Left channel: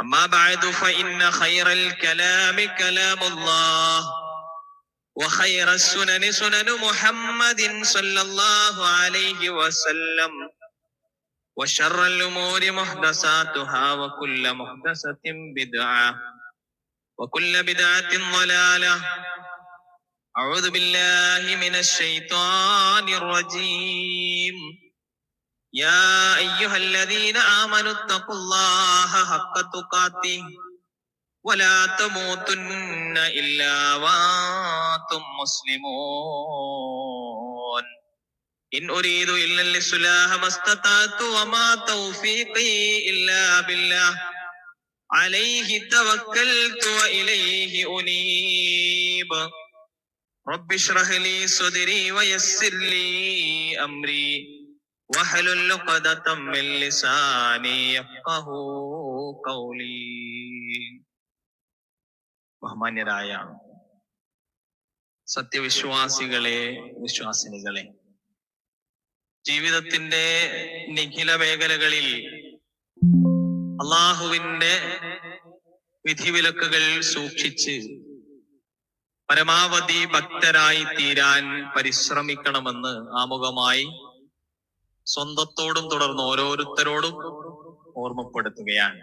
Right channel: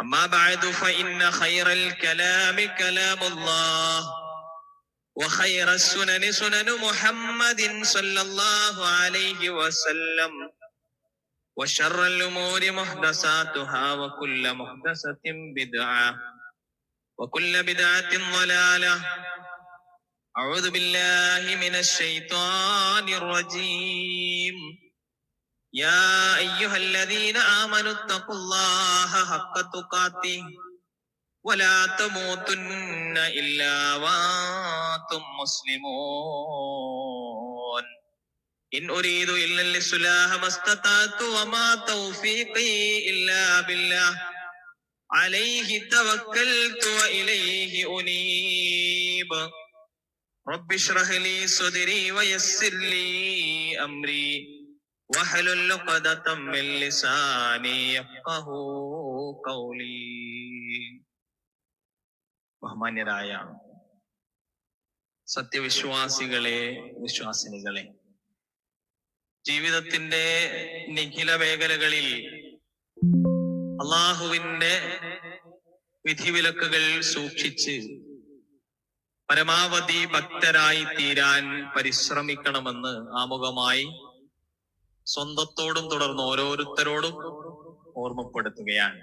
أما بعد فإن خير الكلام كلام الله وخير السنن سنن محمد صلى الله عليه وسلم وشر الأمور محدثاتها وكل محدثة بدعة وكل بدعة ضلالة. أعوذ بالله من الشيطان الرجيم. يا أيها الذين آمنوا اتقوا الله حق تقاته ولا تموتن إلا وأنتم مسلمون. إن أريد إلا الإصلاح ما استطعت وما توفيقي إلا بالله. عليه توكلت وإليه أنيب. رب اشرح لي صدري ويسر لي أمري. واحلل عقدة من لساني يفقه قولي ബഹുമാന്യരായ സത്യവിശ്വാസികളെ വിശ്വാസിനികളെ ജീവിതത്തിന്റെ നിഖില മേഖലകളിൽ അള്ളാഹുവിന്റെ വിധിവിലക്കുകൾ സൂക്ഷിച്ച് പരമാവധി ഭക്തരായി തീരാൻ പരിശ്രമിക്കണമെന്ന് ആമുഖമായി സ്വന്തത്തോടും തുടർന്ന് ഓരോരുത്തരോടും ഓർമ്മപ്പെടുത്തുകയാണ്.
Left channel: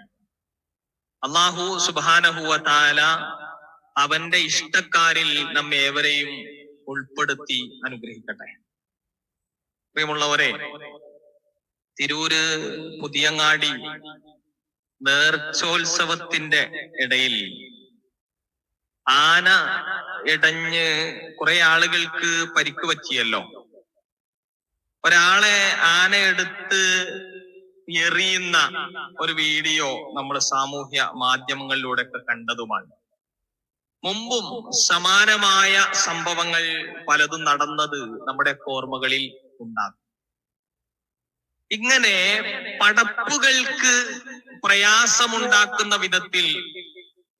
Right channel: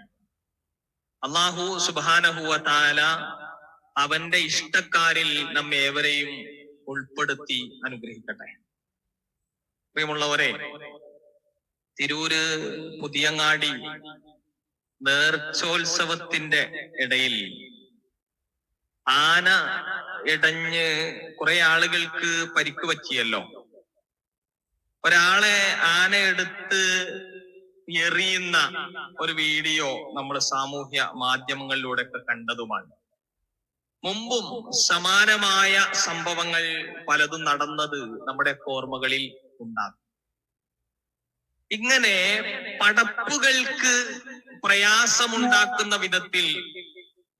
അള്ളാഹു സുബാനഹുവ താല അവന്റെ ഇഷ്ടക്കാരിൽ നമ്മേവരെയും ഉൾപ്പെടുത്തി അനുഗ്രഹിക്കട്ടെ. പ്രിയമുള്ളവരെ തിരൂര് പുതിയങ്ങാടി നേർച്ചോത്സവത്തിന്റെ ഇടയിൽ ആന ഇടഞ്ഞ് കുറെ ആളുകൾക്ക് പരിക്ക് പറ്റിയല്ലോ? ഒരാളെ ആന എടുത്ത് എറിയുന്ന ഒരു വീഡിയോ നമ്മൾ സാമൂഹ്യ മാധ്യമങ്ങളിലൂടെ ഒക്കെ കണ്ടതുമാണ്. മുമ്പും സമാനമായ സംഭവങ്ങൾ പലതും നടന്നത് നമ്മുടെ ഓർമ്മകളിൽ ഉണ്ടാകും. ഇങ്ങനെ പടപ്പുകൾക്ക് പ്രയാസമുണ്ടാക്കുന്ന വിധത്തിൽ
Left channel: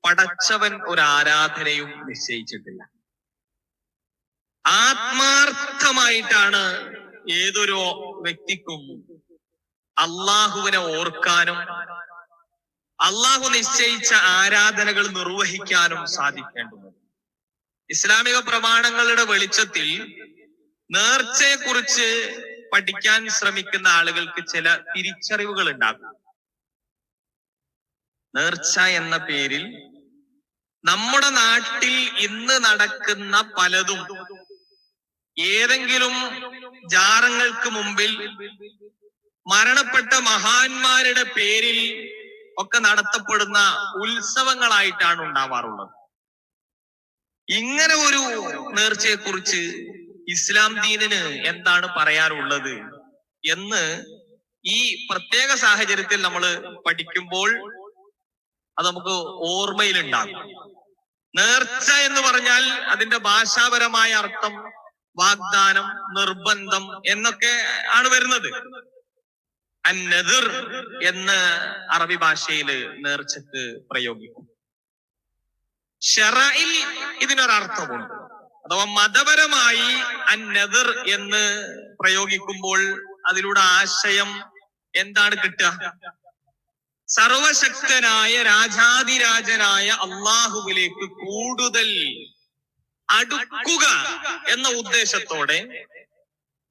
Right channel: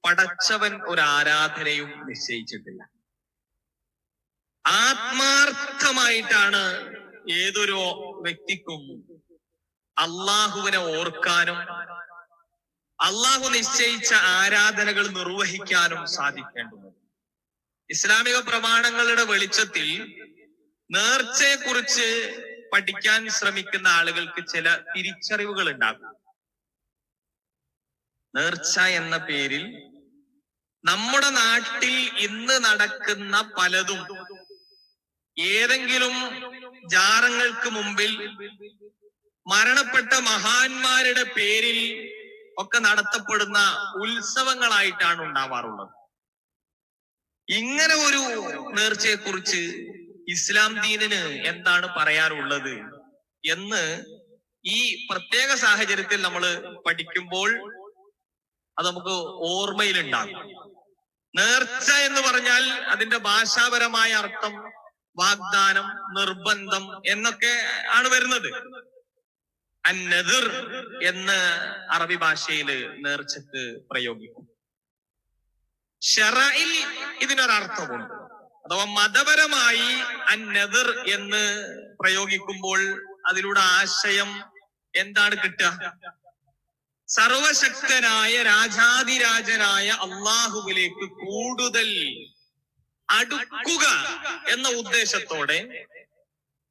പടച്ചവൻ ഒരു ആരാധനയും നിശ്ചയിച്ചിട്ടില്ല. ആത്മാർത്ഥമായിട്ടാണ് ഏതൊരു വ്യക്തിക്കും അള്ളാഹുവിനെ ഓർക്കാനും അള്ളാഹു നിശ്ചയിച്ച ആരാധനകൾ നിർവഹിക്കാനും സാധിക്കേണ്ടതുണ്ട്. ഇസ്ലാമിക പ്രമാണങ്ങളുടെ വെളിച്ചത്തിൽ നേർച്ചയെ കുറിച്ച് പഠിക്കാൻ ശ്രമിക്കുന്ന ആളുകൾക്ക് ചില തിരിച്ചറിവുകൾ ഉണ്ടാകും. നേർച്ച എന്ന പേരിൽ നമ്മുടെ നാട്ടിൽ ഇന്ന് നടക്കുന്ന പലതും ഏതെങ്കിലും ജാറങ്ങൾക്ക് മുമ്പിൽ മരണപ്പെട്ട മഹാന്മാരുടെ പേരിൽ ഒക്കെ നടത്തപ്പെടുന്ന ഉത്സവങ്ങളായിട്ടാണ് ഉണ്ടാവാറുള്ളത്. ഇങ്ങനെ ഒരു നേർച്ചയെ കുറിച്ച് ഇസ്ലാം ദീനിന് എന്താണ് പറയാനുള്ളത് എന്ന് ഈ പ്രത്യേക സാഹചര്യത്തിൽ നമ്മൾ പഠിക്കുമ്പോൾ അത് നമുക്ക് ഓർമ്മയിലുണ്ടാകും. നേർച്ച എന്ന് പറഞ്ഞാൽ അതിന്റെ ഭാഷാപരമായ അർത്ഥം വാഗ്ദാനം നിർബന്ധം എന്നൊക്കെ ആണ് വരുന്നത്. അന്നതിർ എന്ന് അറബി ഭാഷയിൽ നേർച്ചക്ക് പ്രയോഗിക്കും. ഷറയിൽ ഇതിനൊരർത്ഥമുണ്ട്. അഥവാ മതപരമായി അന്നതിർ എന്ന് പ്രയോഗിക്കുമ്പോൾ അതിലൂടെ ആശയം എന്താണ് കിട്ടുക? സർവശക്തനായ രാജാതിരാജനായ അള്ളാഹുവിലേക്ക് കൂടുതൽ അടുക്കുക എന്ന ഉദ്ദേശത്തോടെ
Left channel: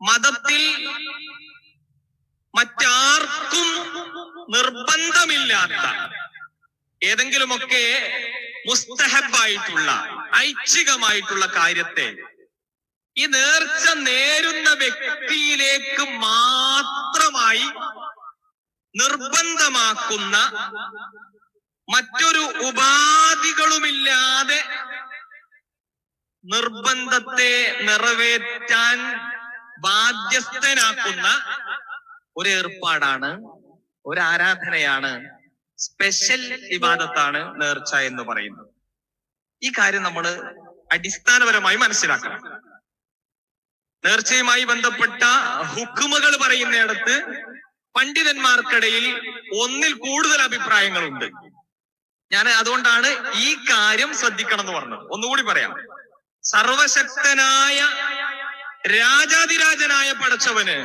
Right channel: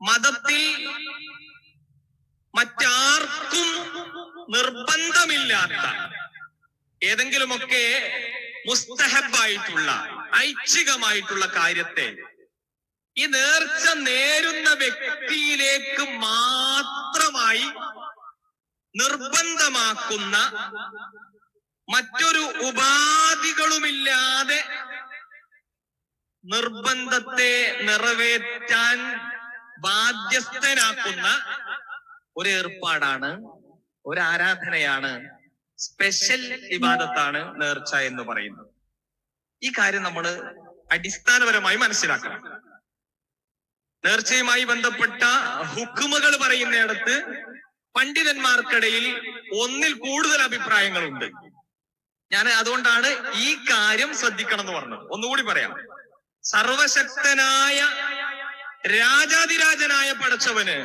മതത്തിൽ മറ്റാർക്കും നിർബന്ധമില്ലാത്ത ഏതെങ്കിലുമൊക്കെ മുസ്തഹബായിട്ടുള്ള ഐച്ഛികമായിട്ടുള്ള കാര്യത്തെ ഈ നേർച്ച നേരുന്ന വ്യക്തിയിലേക്ക് മാത്രമായി നിർബന്ധമാക്കുന്ന മറ്റൊരു ഉപാധികളുമില്ലാതെ നിർബന്ധത്തെ നിറവേറ്റാൻ ബാധ്യസ്ഥനാക്കുന്ന ഒരു ഏർപ്പാടാണ് ഒരു ആരാധനയാണ് സ്പെഷ്യൽ വിവാദത്താണ് നേർച്ച എന്ന് പറയുന്നത്. ഈ കാര്യം നമ്മൾ അടിസ്ഥാനപരമായി മനസ്സിലാക്കണം. നേർച്ചയുമായി ബന്ധപ്പെട്ട ഹുക്കുമുകൾ പറയുന്നിടത്ത് പണ്ഡിതന്മാർക്കിടയിൽ ഒന്നിൽ കൂടുതൽ അഭിപ്രായങ്ങളുണ്ട്. ഞാൻ അതുകൊണ്ടാണ് ഈ കാര്യം ശ്രദ്ധിക്കണം എന്ന് പറഞ്ഞത്. ഒന്നുകൂടി പറയാം. സർവശക്തനായ രാജാതിരാജനായ പടച്ചവന്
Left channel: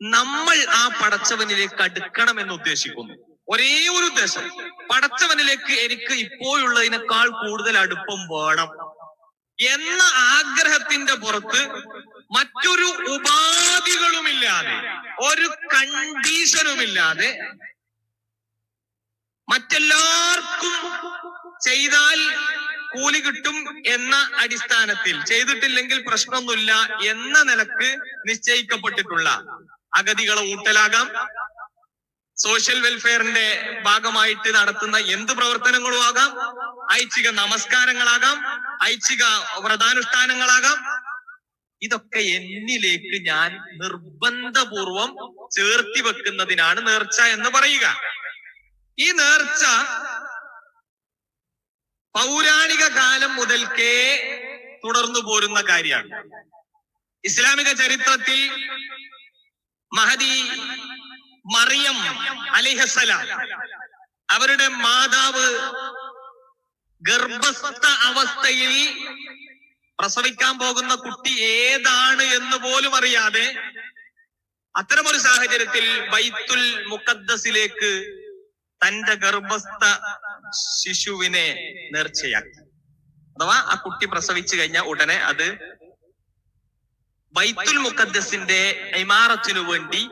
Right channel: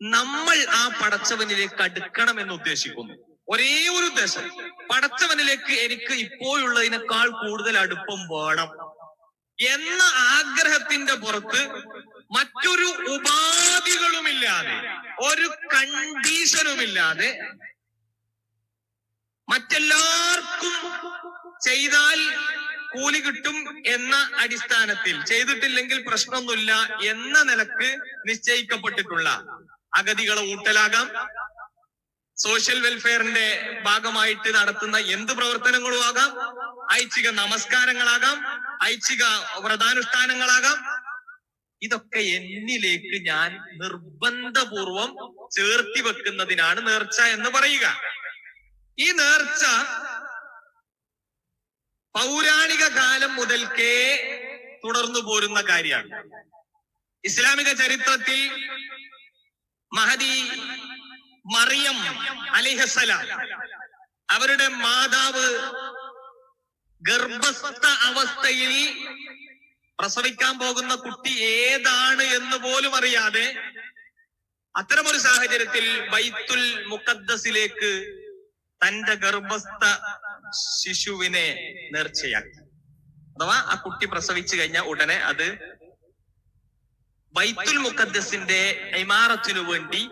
നമ്മൾ ആ പടച്ചവനിലേക്ക് അടുക്കണം എന്ന് ഉദ്ദേശിക്കുന്നു. ഒരേ ഒരു ഉദ്ദേശം. പടച്ചവനിലേക്ക് എനിക്ക് ഇപ്പോഴുള്ളതിനേക്കാൾ കൂടുതൽ അടുപ്പം വേണം എന്ന ആഗ്രഹത്തിന്റെ പുറത്ത് മറ്റൊരു ഉപാധികളുമില്ലാതെ ഒരു കണ്ടീഷനുമില്ലാതെ മറ്റെല്ലാവർക്കും ചെയ്താൽ കൂലി കിട്ടും എന്ന അടിസ്ഥാനത്തിൽ ചെയ്തിട്ടില്ലെങ്കിൽ പ്രശ്നമൊന്നുമില്ല എന്ന നിലയ്ക്ക് നിശ്ചയിക്കപ്പെട്ടിട്ടുള്ള അഗതികളെ ഊട്ടലാകാം. സോഷ്യൽ വെൽഫെയറിന്റെ ഭാഗമായിട്ട് നടത്തുന്ന എന്ത് പ്രവർത്തനങ്ങളും ആകാം. ഐച്ഛിക നമസ്കാരങ്ങളാകാം. ഐച്ഛിക വ്രതാനുഷ്ഠാനങ്ങളാകാം. ഇതൊക്കെ എന്നിലേക്ക് ഞാൻ നിർബന്ധപൂർവം ചേർത്തി വെക്കുന്നതിനാണ് നേർച്ച എന്ന് പറയുക. ഈ നേർച്ച പൗരാണിക കാലം മുതൽക്കേ തുടർന്നു പോരുന്ന കാര്യമാണ്. ഇസ്ലാമിക ചരിത്രത്തിൽ മഹദി മറിയം അലിഹസലാം അവരുടെ മാതാവ് ഗർഭസ്ഥ അവസ്ഥയിൽ പ്രസവിക്കാൻ പോകുന്ന കുട്ടി ഏതാണ് എന്ന് പോലും അറിയാതെ അത്തരമൊരു സാഹചര്യത്തിൽ ബൈത്തുൽ മുഖദ്ദസിലേക്ക് തന്റെ ഗർഭസ്ഥ ശിശുവിനെ നേർച്ചയാക്കി. അഥവാ ആ കുട്ടി പ്രസവിച്ചു കഴിഞ്ഞ ഉടനെ അത് ബൈത്തുൽ മുഖദ്ദസിന്റെ ഇമാറത്തിനു വേണ്ടി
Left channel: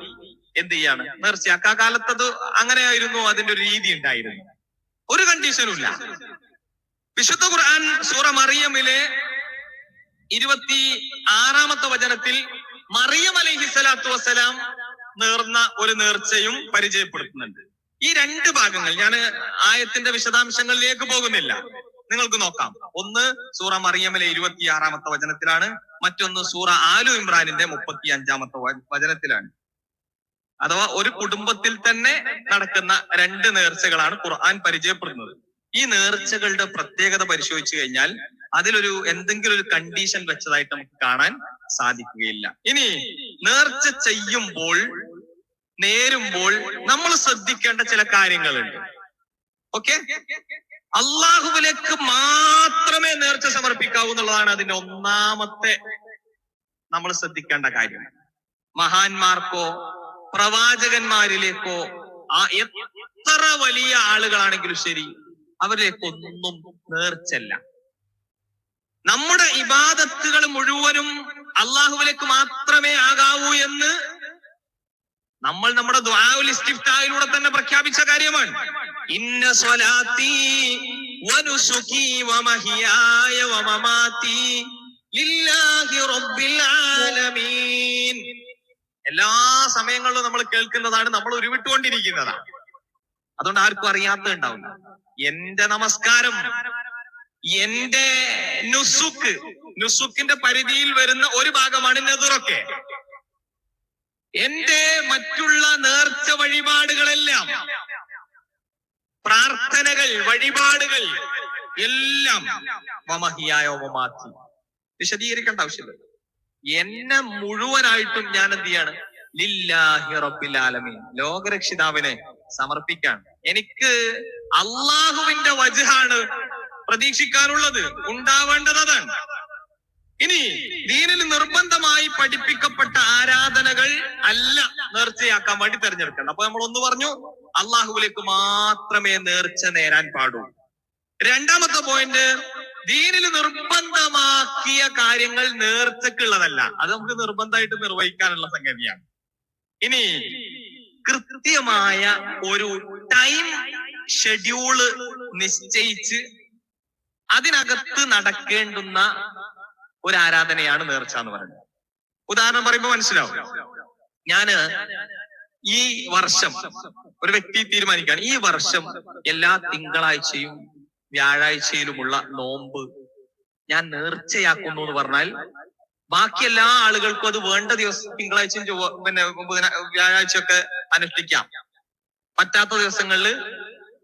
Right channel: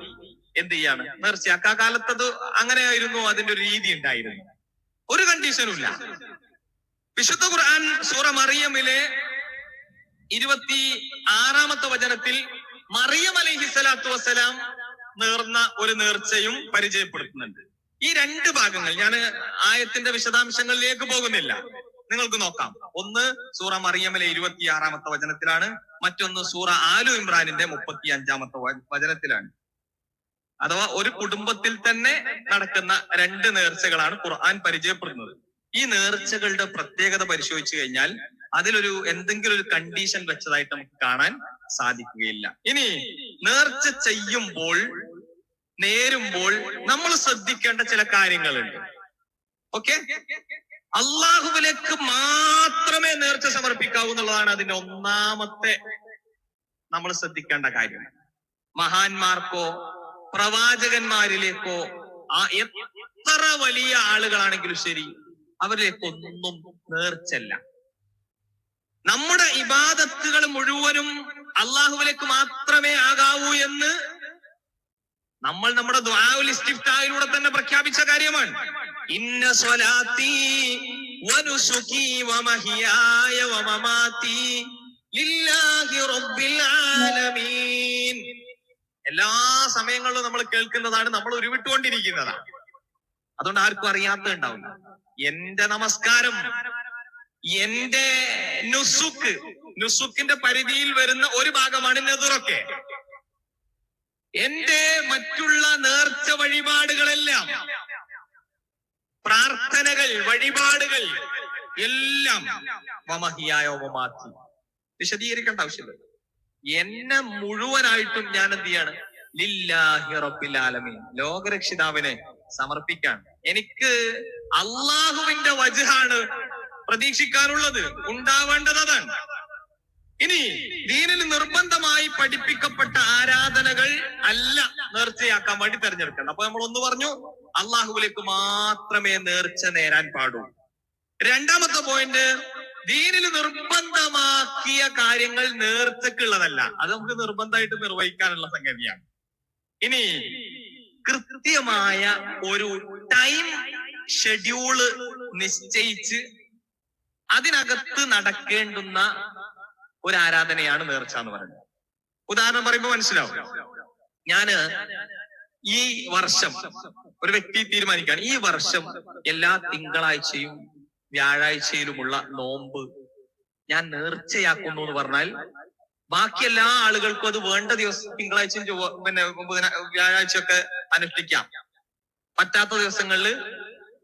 എന്ത് ചെയ്യാണ്? നേർച്ചയാക്കുക ആ കാലത്ത് അത് അങ്ങനെയായിരുന്നു അതിന്റെ ഒരു രീതി ഉണ്ടായിരുന്നു. ഒരു കണ്ടീഷനും ഇല്ല. വിശുദ്ധ ഖുർആൻ സൂറ മറിയമിലെ ഇരുപത്തി ആറാമത്തെ വചനത്തിൽ മറിയം അലൈഹി സ്വലാത്തു വസ്സലാം നേർന്ന ഒരു നേർച്ചയും പരിചയപ്പെടുത്തുന്നുണ്ട്. ഈ രണ്ട് ഭാഗങ്ങൾ ഞാൻ ആയത്തിന്റെ വിശദാംശങ്ങളിലേക്ക് പോകുന്നില്ല. നിങ്ങൾക്ക് നോക്കാം. ഒന്ന് സൂറ മറിയമിലെ ഇരുപത്തിയാറാമത്തെ വചനത്തിലാണ്. മറ്റൊന്ന് സൂറ ആലു ഇമ്രാനിന്റെ മുപ്പത്തി അഞ്ചാമത്തെ വചനത്തിലാണ്. അഥവാ ഒരു കുടുംബത്തിൽ തന്നെ നടക്കുന്ന രണ്ട് നേർച്ചകളാണ് ഖുർആൻ പരിചയപ്പെടുന്നത്. ഈ നേർച്ചകളുടെ പ്രത്യേകത പരിശോധിച്ചു കഴിഞ്ഞാൽ അതിലൊരു എന്തെങ്കിലും ഒരു കണ്ടീഷൻ വെച്ചതായിട്ട് നമുക്ക് കാണാൻ സാധിക്കുകയില്ല. ഇനി നേർച്ച ചെയ്യുമ്പോൾ നേരുമ്പോൾ നമ്മൾ ശ്രദ്ധിക്കേണ്ട ചില കാര്യങ്ങളുണ്ട്. ഓക്കെ അള്ളാഹുവിലേക്ക് മാത്രമേ നേർച്ച സമർപ്പിക്കാവൂ എന്നുള്ളതാണ് അതിന്റെ ഒന്നാമത്തെ നമ്മൾ ശ്രദ്ധിക്കേണ്ട കാര്യം. മഹാന്മാർക്കോ പ്രവാചകന്മാരിലേക്കോ ആ എത്ര വലിയ ആളുകളാണെങ്കിലും ശരി അവരിലേക്കൊന്നും നേർച്ചല്ല നമ്മുടെ ഇബാദത്തുകൾ മുഴുവനും അള്ളാഹുവിലേക്ക് മാത്രമേ ആകാവൂ എന്ന് നമ്മൾ നമ്മുടെ ദ്വാലിസ്റ്റിഫ്റ്റായിലൂടെ തന്നെ പ്രഖ്യാപിച്ച കാര്യമാണ്. ഇന്ന സ്വലാത്തി വനുസുഖി വമഹിയായ വമമാതി ലില്ലാഹി റബ്ബിൽ ആലമീൻ. എല്ലാ സമയങ്ങളിലും നമ്മൾ കേൾക്കുന്നതാണ് നമ്മൾ ഉരുവിട്ടുകൊണ്ടിരിക്കുന്നതാണ് അതുകൊണ്ട് ആർക്കും അറിയാത്ത ഉണ്ടാവില്ല. എന്റെ നമസ്കാരം എന്റെ നുസുക്ക് നുസുക്കിന്റെ പരിധിയിൽ വരുന്ന ഒരു ഭാഗമാണ് നെതുറൊക്കെ എന്റെ മറ്റുള്ള നേർച്ച വഴിപാടുകളെല്ലാം പ്രാർത്ഥനകൾ വഴിപാടുകൾ എല്ലാം മമഹിയായോമമാക്കി വിശദീകരിക്കേണ്ട ആവശ്യമില്ല. എന്നെ മുഴുവനായിട്ടും ഞാൻ എന്ത് ചെയ്യാണ്? ലില്ലാഹി റബ്ബിൽ ആലമീൻ. ലോകരക്ഷിതാവിനെ സമർപ്പിക്കാൻ. എനിക്ക് അള്ളാഹുവിന്റെ വജഹാണ് പ്രതീക്ഷിക്കാനുള്ളത്. ഉണ്ടാവേണ്ടത് അതാണ്. ഇനി ദീനിൽ നിർബന്ധമായി പഠിപ്പിക്കപ്പെട്ട ആരാധനകൾ അല്ല നേർച്ചയാക്കാൻ വേണ്ടി തെരഞ്ഞെടുക്കണം. അപ്പൊ നമ്മൾ ഒന്ന് പറഞ്ഞു അള്ളാഹുവിലേക്ക് മാത്രമേ നേർച്ച നേരാൻ പാടൂ. രണ്ടാമത്തെ പോയിന്റ് ദീനിൽ നിർബന്ധമാക്കിയ കാര്യങ്ങൾ നേർച്ചക്കുള്ളതല്ല അത് നമുക്ക് നിർബന്ധമായിട്ട് നിർവഹിക്കാനുള്ള സംഗതിയാണ്. ഇനി കൃത്യമായ ഒരു ടൈം ഷെഡ്യൂൾ നിശ്ചയിച്ച് അതിനകത്ത് നടക്കേണ്ടുന്ന ഒരു ആരാധനയാണ് നേർച്ച എന്ന് പറയുന്നത്. ഉദാഹരണം പറയുമ്പോൾ മനസ്സിലാവും. ഞാൻ ഈ വർഷം ഒരു വ്യക്തി തീരുമാനിക്കുകയാണ്. ഈ വർഷം എല്ലാ തിങ്കളാഴ്ചയും വ്യാഴാഴ്ചയിലുമുള്ള നോമ്പ് ഞാൻ നേർച്ചയാക്കുന്നു എന്ന് പറഞ്ഞാൽ ബാക്കി എല്ലാ ആളുകൾക്കും അത് വേണ്ട ദിവസം തിങ്കളാഴ്ചയും ചൊവ്വ പിന്നെ വ്യാഴാഴ്ച വ്യാഴാഴ്ചയൊക്കെ അനുഷ്ഠിക്കാം. പറ്റാത്ത ദിവസങ്ങളിൽ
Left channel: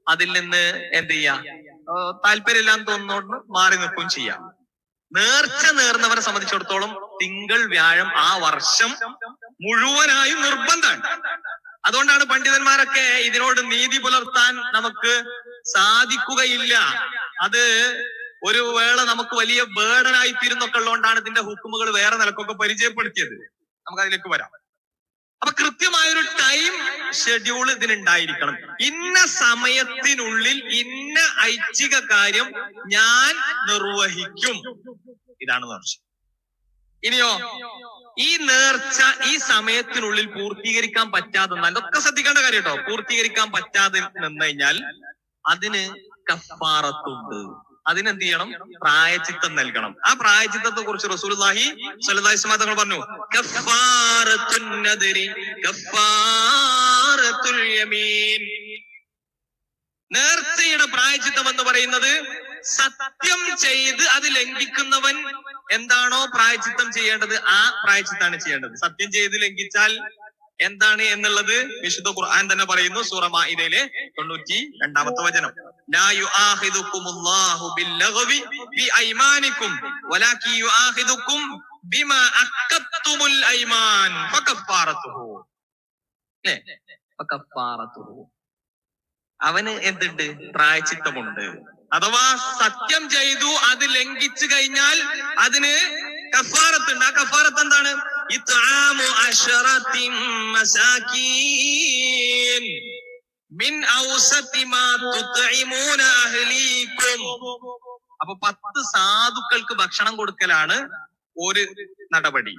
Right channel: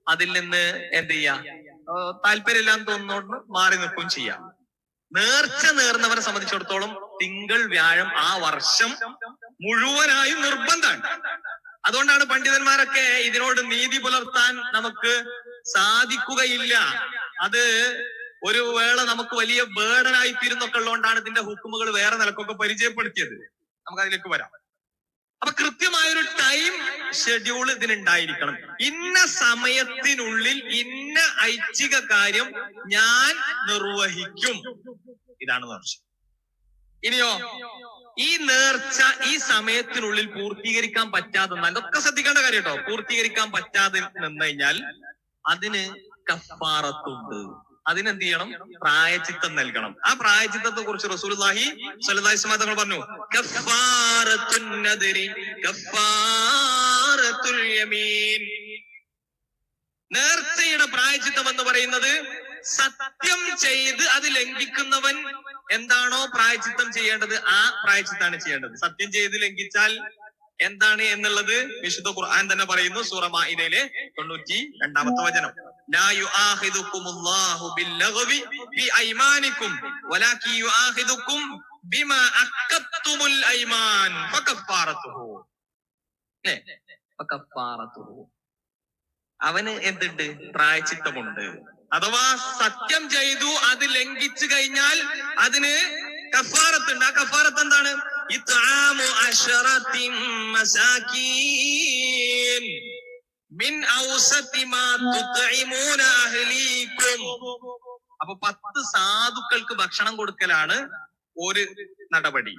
അതിൽ നിന്ന് എന്ത് ചെയ്യാം? താല്പര്യമില്ലാന്ന് തോന്നുന്നോണ്ട് മാറി നിൽക്കുകയും ചെയ്യാം. നേർച്ച നേർന്നവരെ സംബന്ധിച്ചിടത്തോളം തിങ്കൾ വ്യാഴം ആ വർഷം മുഴുവനായും നിർബന്ധമാണ്. അതുകൊണ്ടാണ് പണ്ഡിതന്മാരൊക്കെ ഇതിനോട് നീതി പുലർത്താൻ നമുക്ക് സാധിക്കുകയില്ല. അത് ഒരു വേള നമുക്ക് വലിയ ബേഡനായി തീരുന്നൊക്കെ ഉള്ളതുകൊണ്ടാണ് ഇതിന്റെ ഹുക്കുമുകൾ വേറെ നിലക്കൊക്കെ പരിചയപ്പെടുത്തിയത്. നമുക്ക് അതിലേക്ക് വരാം. അപ്പൊ കൃത്യമായ ഒരു ടൈം ഷെഡ്യൂൾ ഇതിനുണ്ടായിരിക്കണം. ഇന്ന സമയത്തിനുള്ളിൽ ഇന്ന ഐച്ഛിക കാര്യം ഞാൻ നിർവഹിക്കും. ഇതാണ് പറഞ്ഞു. ഇനിയോ ഈ നേർച്ച ഈ സമയത്തിനുള്ളിൽ പൂർത്തീകരിക്കാൻ പറ്റാതെ ഇതൊക്കെ ശ്രദ്ധിക്കേണ്ട കാര്യം കേട്ടോ പൂർത്തീകരിക്കാൻ പറ്റാതെ നിന്ന് കഴിഞ്ഞാൽ അതിന് കഫാറത്തുണ്ട്. അതിനെന്ത് ചെയ്യണം? പ്രായചിത്തം നൽകണം. ആ പ്രായചിത്തത്തെ കുറിച്ച് സ്വല്ലല്ലാഹി അലൈഹി തങ്ങൾ പറഞ്ഞു നേർച്ചയുടെ പ്രായചിത്തം എന്ന് പറയുന്നത് സത്യം ചെയ്ത് അത് ലംഘിക്കുന്നവൻ എന്താണോ പ്രായച്ചിത്തം ചെയ്യേണ്ടത് ആ പ്രായച്ചിത്താണ് ചെയ്യേണ്ടത്. സത്യം ചെയ്ത് ലംഘിച്ചാൽ എന്താണ് എന്നുള്ളത് വിശുദ്ധ ഖുർആൻ തന്നെ പറയുന്നു സൂറ ഇതയിലെ തൊണ്ണൂറ്റി രണ്ടാമത്തെ വചനം അവന് എന്തുണ്ട്? പ്രായച്ചിത്തമുണ്ട്. അഥവാ സത്യം ചെയ്തു അത് ലംഘിച്ചു കഴിഞ്ഞാൽ അതിന് കഫാറത്തുണ്ട്. ആ കഫാറത്ത് എന്താണ്? അപ്പൊ പത്ത് സാധുക്കൾക്ക് ഭക്ഷണം കൊടുക്കലാണ് ഒരു നടപടി.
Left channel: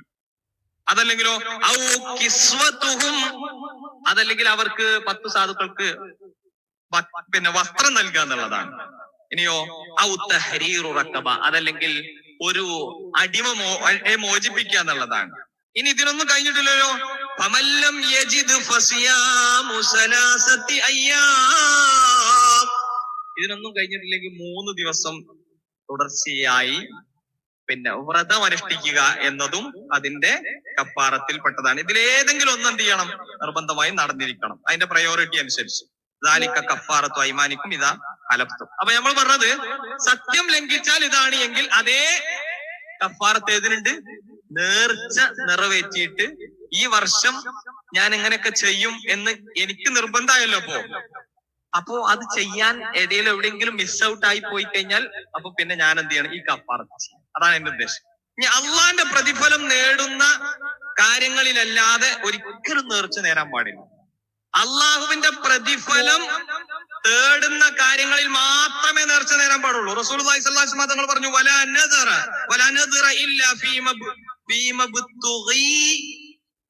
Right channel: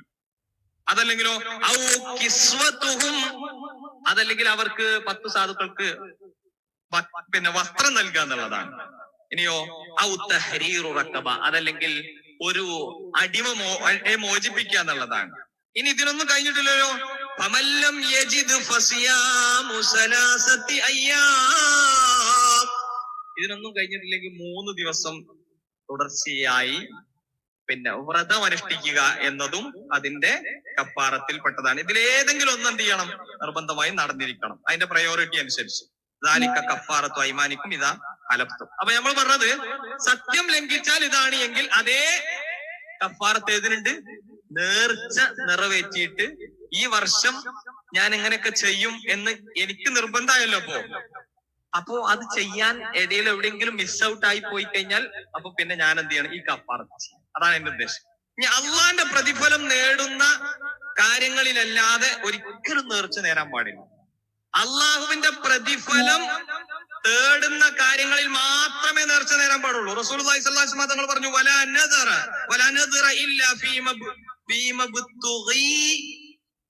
അതല്ലെങ്കിലോ ഔ കിസ്വത്തുഹും. അതല്ലെങ്കിൽ അവർക്ക് പത്ത് സാധുക്കൾക്ക് പിന്നെ വസ്ത്രം നൽകുക എന്നുള്ളതാണ് ഇനിയോ ഔ തഹരീറു റക്കബ അതല്ലെങ്കിൽ ഒരു അടിമ മോ മോചിപ്പിക്കുക എന്നുള്ളതാണ്. ഇനി ഇതിനൊന്നും കഴിഞ്ഞിട്ടില്ലല്ലോ? ഫമല്ലം യജിദ് അയ്യാം. ഇതിനൊന്നും കഴിഞ്ഞിട്ടില്ലെങ്കിൽ മൂന്ന് ദിവസം തുടർച്ചയായി പിന്നെ വ്രതം അനുഷ്ഠിക്കുക എന്നതും അതിന്റെ കപ്പാറത്തിൽപ്പെട്ടതാണ്. ഇതിലേതെങ്കിലും ഒന്ന് എന്ത് ചെയ്യണം? നിർബന്ധമായും നടന്നിരിക്കണം. അതിന്റെ പ്രയോറിറ്റി അനുസരിച്ച്. ദാലിക്ക കപ്പാറത്തു അയ്മാനിക്കും ഇതാ അലപ്തും അപ്പൊ നമ്മൾ പറഞ്ഞത് സത്യം ലംഘിച്ചാൽ ഇതാണ് എങ്കിൽ അതേ കപ്പാറത്ത് ഏതിനുണ്ട്? നേർച്ച നിറവേറ്റിയിട്ട് ഈ വർഷം ഞാൻ എങ്ങനെയൊക്കെ ചെയ്യും എന്ന് എനിക്ക് നിർബന്ധമായല്ലോ അപ്പോ. അപ്പോ അത് ചെയ്യാൻ ഇടയിൽ എവിടെയെങ്കിലും മിസ് ഔട്ട് ആയി പോയി കഴിഞ്ഞാൽ അപ്പൊ പിന്നെ ഞാൻ എന്ത് ചെയ്യണം? ഈ കപ്പാറത്ത് അതാണ് എന്റെ ഉദ്ദേശം. ഇനി അള്ളാന്റെ പ്രതിഫലം നേടുന്ന കാര്യങ്ങളിലല്ലാതെ ഒരിക്കലും നേർച്ച നേരാൻ പാടില്ല. അള്ളാഹുവിന്റെ പ്രതിഫലം തേടുന്ന കാര്യങ്ങളിൽ മാത്രമേ നേർച്ച നേരാൻ പാടുള്ളൂ. റസൂൽ തങ്ങൾ പറഞ്ഞു നദറ ഫീമ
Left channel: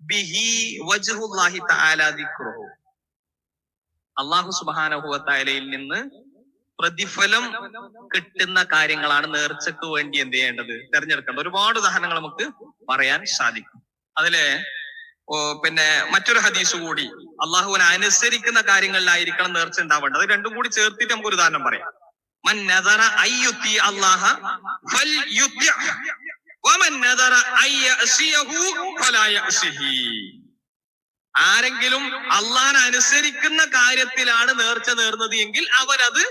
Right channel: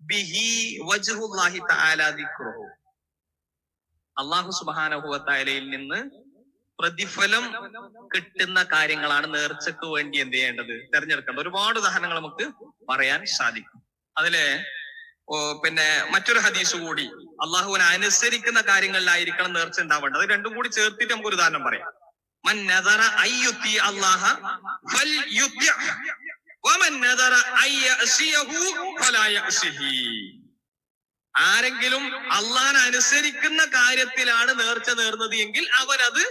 ബിഹി വജ്ഹുല്ലാഹി തആല അള്ളാഹു വ നിന്ന് പ്രതിഫലം കിട്ടുന്ന കാര്യങ്ങളാണ് നേർച്ചക്ക് വേണ്ടി എന്ത് ചെയ്യേണ്ടത്? തെരഞ്ഞെടുക്കേണ്ടത്. ഒരുപാട് ഉദാഹരണങ്ങൾ നമുക്ക് പറയാൻ സാധിക്കും. അതിലെ പിന്നെ മറ്റൊരു ഹദീസ് കൂടി. അള്ളാഹുവിനെ അനുസരിക്കുന്ന കാര്യങ്ങളിലായിരിക്കണം നേർച്ച ഉണ്ടാവേണ്ടത്. അത് രണ്ടും കൂടി ചേർത്തിട്ട് നമുക്ക് ഒരു ഉദാഹരണം പറയാം. ഫൽ യഅസിഹി. ആരെങ്കിലും അള്ളാഹനെ അനുസരിക്കുന്ന കാര്യത്തിലാണ് നേർച്ച നേർന്നത് എങ്കിൽ അവരത്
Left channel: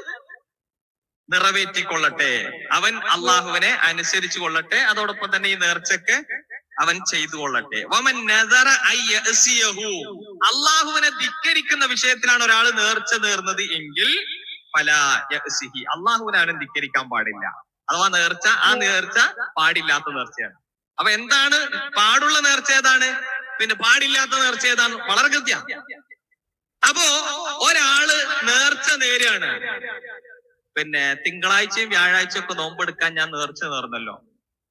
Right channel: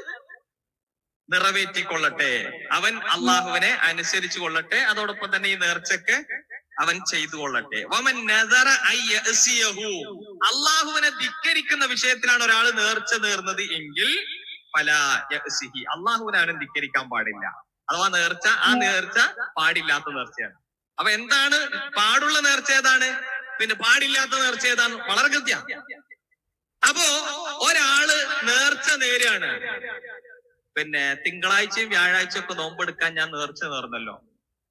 നിറവേറ്റിക്കൊള്ളട്ടെ. അവൻ അള്ളാഹുവിനെ അനുസരിച്ചു കൊള്ളട്ടെ. അതോടൊപ്പം തന്നെ ഈ നേർച്ചക്ക് അവൻ ചെയ്തു കൊള്ളട്ടെ അള്ളാഹുവിനെ ധിക്കരിക്കുന്ന വിഷയത്തിലാണ് ഒരാൾ നേർച്ച നേർന്നത് എങ്കിൽ പല അള്ളാഹുവിനെ അവനെ ധിക്കരിക്കാൻ പാടില്ല. അഥവാ നേർച്ച ആ നേർച്ച പാടില്ലാത്ത നേർച്ചയാണ്. അപ്പൊ എന്താണ്? പാടുള്ള നേർച്ച ഏതാണ്? പിന്നെ പാടില്ലാത്ത നേർച്ച ഏതാണ്? വളരെ കൃത്യ. അപ്പോ ഒരാൾ നേർച്ച നേരാണ്. പിന്നെ തിങ്കളാഴ്ചയും വ്യാഴാഴ്ചയും ഒക്കെ നോമ്പെടുക്കാൻ ഞാൻ നേർച്ച നേർന്നല്ലോ.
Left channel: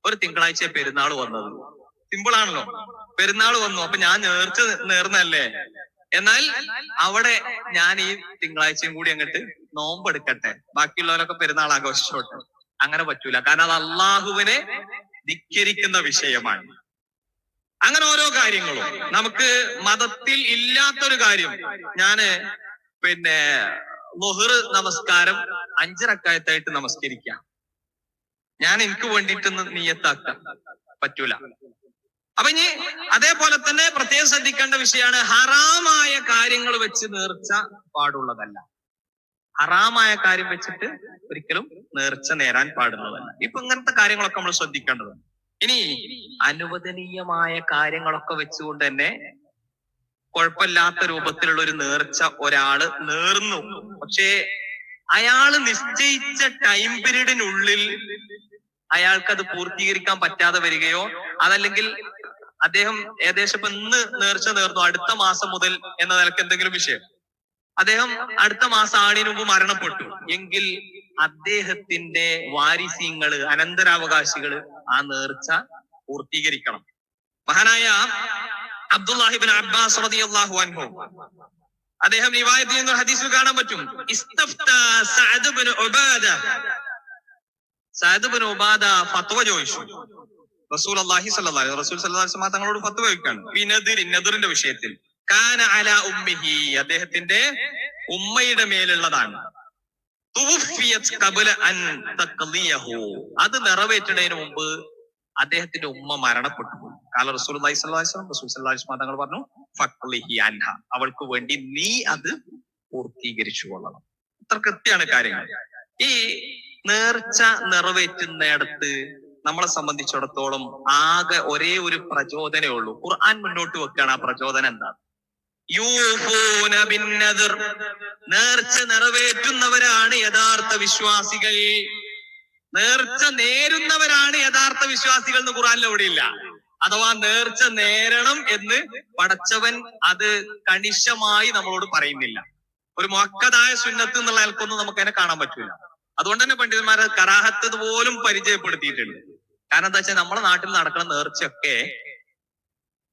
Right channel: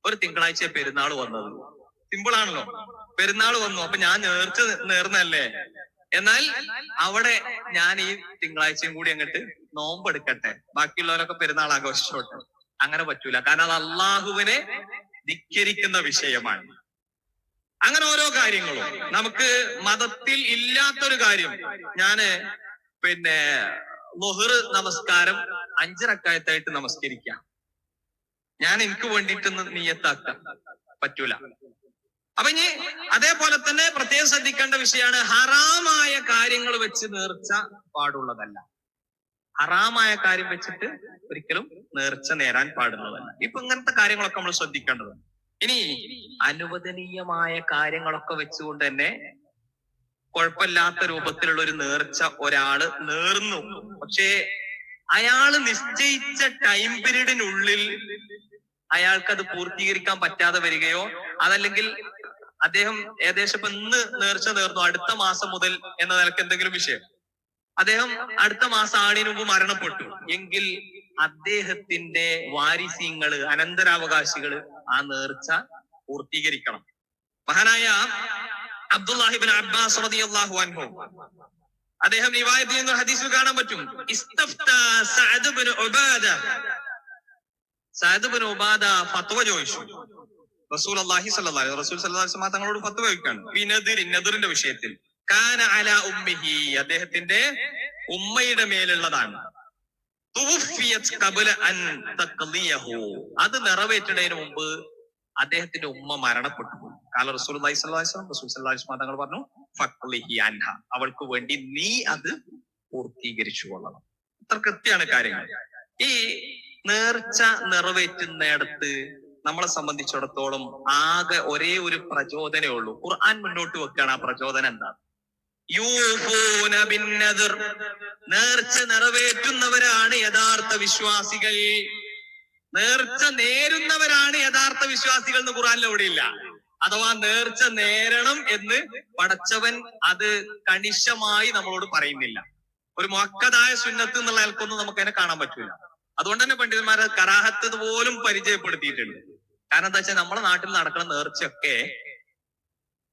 ഒരു തിങ്കളാഴ്ച പെരുന്നാൾ വന്നത്. സിമ്പിൾ ആണല്ലോ. പെരുന്നാൾ വന്നു. അപ്പൊ ഞാൻ നേർച്ച നേർന്നല്ലേ എന്നാൽ അവിടെ ഞാൻ ഈ തിങ്കളാഴ്ചയും കൂടി അങ്ങോട്ട് നോമ്പെടുക്കട്ടെ. ബാക്കിയുള്ളവരൊക്കെ പെരുന്നാൾ ആഘോഷിച്ചോട്ടെ. അങ്ങനെ പറ്റൂല. കാരണം അത് അള്ളാഹുവിനെ ധിക്കരിക്കുന്ന വിഷയമാണ്. അങ്ങനെ ഓരോ കാര്യങ്ങളും. നമുക്ക് മതത്തിൽ ഇല്ലാത്തൊരു കാര്യം. ഞാൻ പിന്നെ ലൊഹർ നമസ്കാരം അഞ്ചരക്കായത്തായിട്ട് നമസ്കരിക്കാം. ഞാൻ എനിക്ക് വേണ്ടിയിട്ടൊന്ന് നീയത്താക്കാം. പറ്റൂല. അപ്പൊ ഇനി അതേപോലെ തന്നെ പ്രത്യേകം ശ്രദ്ധിക്കേണ്ട വിഷയമാണ് ഹറാമായ കാര്യങ്ങൾ വെച്ച് നേർച്ച പാടുള്ളതല്ല. ഹറാമായ കാര്യം വെച്ചിട്ട് ഒരിക്കലും നേർച്ച നേരാൻ പാടുന്നതല്ല ഇപ്പൊ ഇങ്ങനത്തെ കാര്യങ്ങളൊക്കെ നമ്മൾ ശ്രദ്ധിക്കേണ്ടത് ഇനി അനുവദനീയമായ കാര്യങ്ങളൊക്കെ വെച്ചുകൊണ്ട് തന്നെ കുഴപ്പമില്ലാത്ത രൂപത്തിലുള്ള ഒരു നേർച്ച ഒരാൾ നേർന്നു. പക്ഷേ അയാൾ നിശ്ചയിച്ച ടൈം പീരീഡിനുള്ളിൽ അയാൾക്ക് അത് പൂർത്തീകരിക്കാൻ പറ്റാതെ വരികയോ അതല്ലെങ്കിൽ അദ്ദേഹം ഏകദേശം ഇപ്പൊ ഇന്ന് നേർച്ച നേർന്നു. അടുത്ത മാസം മുതൽ എന്ന നിലയ്ക്ക് എന്തെങ്കിലും വിഷയം? അദ്ദേഹം അടുത്ത മാസം ആണിന് മുമ്പ് മരണപ്പെട്ടു. എങ്കിൽ അദ്ദേഹത്തിന്റെ വാരിസ്യങ്ങൾ അനന്തരാവകാശികൾ ആ നേർച്ച പൂർത്തീകരിക്കണം. മഹാനായ അബ്ദുല്ലാഹിബിൻ അബ്ബാസ് റളിയല്ലാഹു അൻഹു. അദ്ദേഹം റിവായത്തിൽ നിന്ന് കാണാൻ പറ്റും. Saad Ubada. സഅദ് ഉബാദ ഫത്വ ചോദിച്ചു. റസൂൽ അള്ളാഹി അലൈഹി റസൂൽ വസല്ലം തങ്ങളോട് ഫത്ത് കഴിക്കാണ് വിനദിർ നദിറിന്റെ വിഷയത്തിൽ. കാന അല ഉമ്മിഹി. അദ്ദേഹത്തിന്റെ ഉമ്മയുടെ മേലുള്ളതാണ്. അത് നിറവേറ്റുന്നതിന് മുമ്പ് അദ്ദേഹത്തിന്റെ ഉമ്മ മരണപ്പെട്ടു. പോയി. കാല റസൂൽ തങ്ങൾ പറഞ്ഞു അൻഹ. അവൾക്ക് വേണ്ടി നീ അത് പൂർത്തീകരിച്ചു കൊള്ളണം. ഇത്ര കൃത്യമാണ് കാര്യങ്ങൾ. ഈ നേർച്ച നിറവേറ്റുന്നിടത്ത് നമ്മളെ സംബന്ധിച്ചിടത്തോളം ആകെ ഒരേ ഒരു പ്രചോദനമേ ഉള്ളൂ. ഖുർആൻ മുന്നോട്ട് വെക്കുകയാണ്. ആ പ്രചോദനം എന്താണ്? യൂഫൂന ബിന്നദിർ. നേർച്ച നിറവേറ്റുന്നവരാണ് യഥാർത്ഥ വിശ്വാസികൾ. നേർച്ച നേരുന്നവരാണ് യഥാർത്ഥ വിശ്വാസികൾ എന്ന് ഖുറാനിൽ എവിടെയില്ല അഥവാ നേർച്ച നേരണം എന്ന് പടച്ചവൻ അത് കണിശമായി നമ്മളോട് പറയുന്നില്ല. ഒരു മൊക്കതായ സുന്നത്ത് എന്നുള്ള ആൾക്കൊന്നും നമുക്ക് അതിനെ കാണാൻ പറ്റൂല. അതുകൊണ്ട് തന്നെ പണ്ഡിതന്മാർ കറാഹത്ത് പോലും പരിചയപ്പെടുത്തിയിട്ടുണ്ട്. കാരണം എന്താ വെച്ചാൽ നമ്മുടെ നാട്ടിൽ നടക്കുന്ന നേർച്ചയൊക്കെ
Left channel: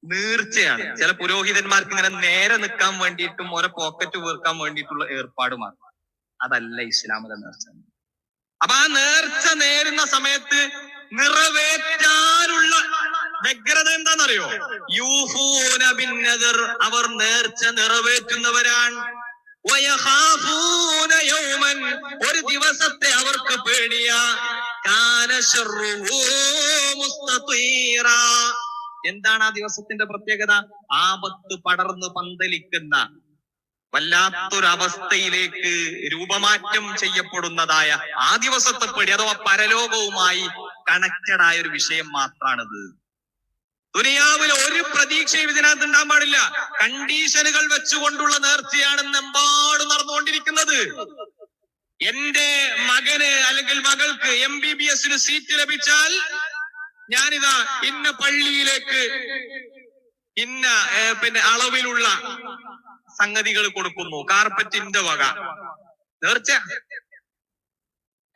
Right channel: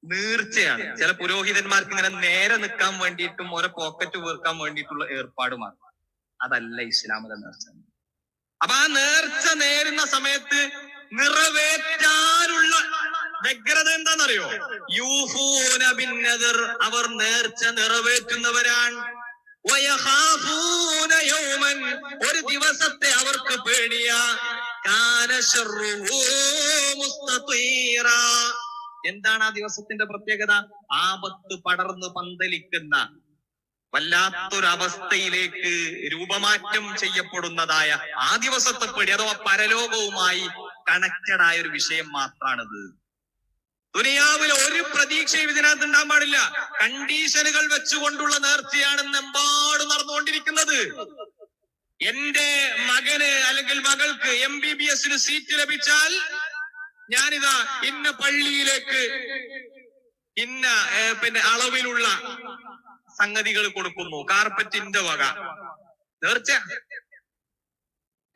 നീർച്ചയാണ്. ചില പുരോഹിതന്മാർക്ക് ഇങ്ങനെ നേരെ നിൽക്കാൻ വേണ്ടിയിട്ടും ഓരോ പോക്കറ്റ് വീർക്കാൻ വേണ്ടിയിട്ടുള്ള ഏർപ്പാടുമാണ്. അതല്ല ഇസ്ലാമിലെ നേർച്ച. അപ്പൊ ആ നേർച്ച നേരുന്ന സമയത്ത് നിറവേറ്റാനുള്ള വ്യഗ്രത എന്താണെന്നറിയോ? യൂഹൂനബിൻ ബിന്നദിർ അവർ നേർച്ച നിറവേറ്റുന്നവരാണ്. ഒരു ദിവസത്തെ അവർക്ക് പേടിയ. എന്താണ് ആ ദിവസത്തിന്റെ പ്രത്യേകത? ആപത്ത് പടർന്ന് പന്തലിക്കുന്ന വല്ലാത്തൊരവസ്ഥയിലേക്ക് രൂപമാറ്റം ചെയ്യപ്പെടുന്നതായ ആ ദിവസത്തെ പേടി അഥവാ പരലോകവുമായി കണക്റ്റഡ് ആയ ഒരു വിഷയം മാത്രാണിത്. ദുനിയാവിൽ ഒരു പ്രതീക്ഷയും ഇതിനകത്ത് ഉണ്ടാകാൻ പാടില്ല. കണ്ടീഷനുകൾ വെച്ചുകൊണ്ടുള്ള നേർച്ചയാണ് എമ്പാടും നടന്നുകൊണ്ടിരിക്കുന്നത്. എന്റെ മകന് അല്ലെങ്കിൽ മകൾക്ക് എം ബി ബി എസിന് സീറ്റ് ലഭിച്ചാൽ ഞാനിതാ ഇന്ന പള്ളിയിലേക്ക് ഇന്ന പിന്നെ അളവിലുള്ള സംഗതികൾ കൊടുക്കുന്നു. കാർപ്പറ്റിന്റെ വക. നേർച്ച.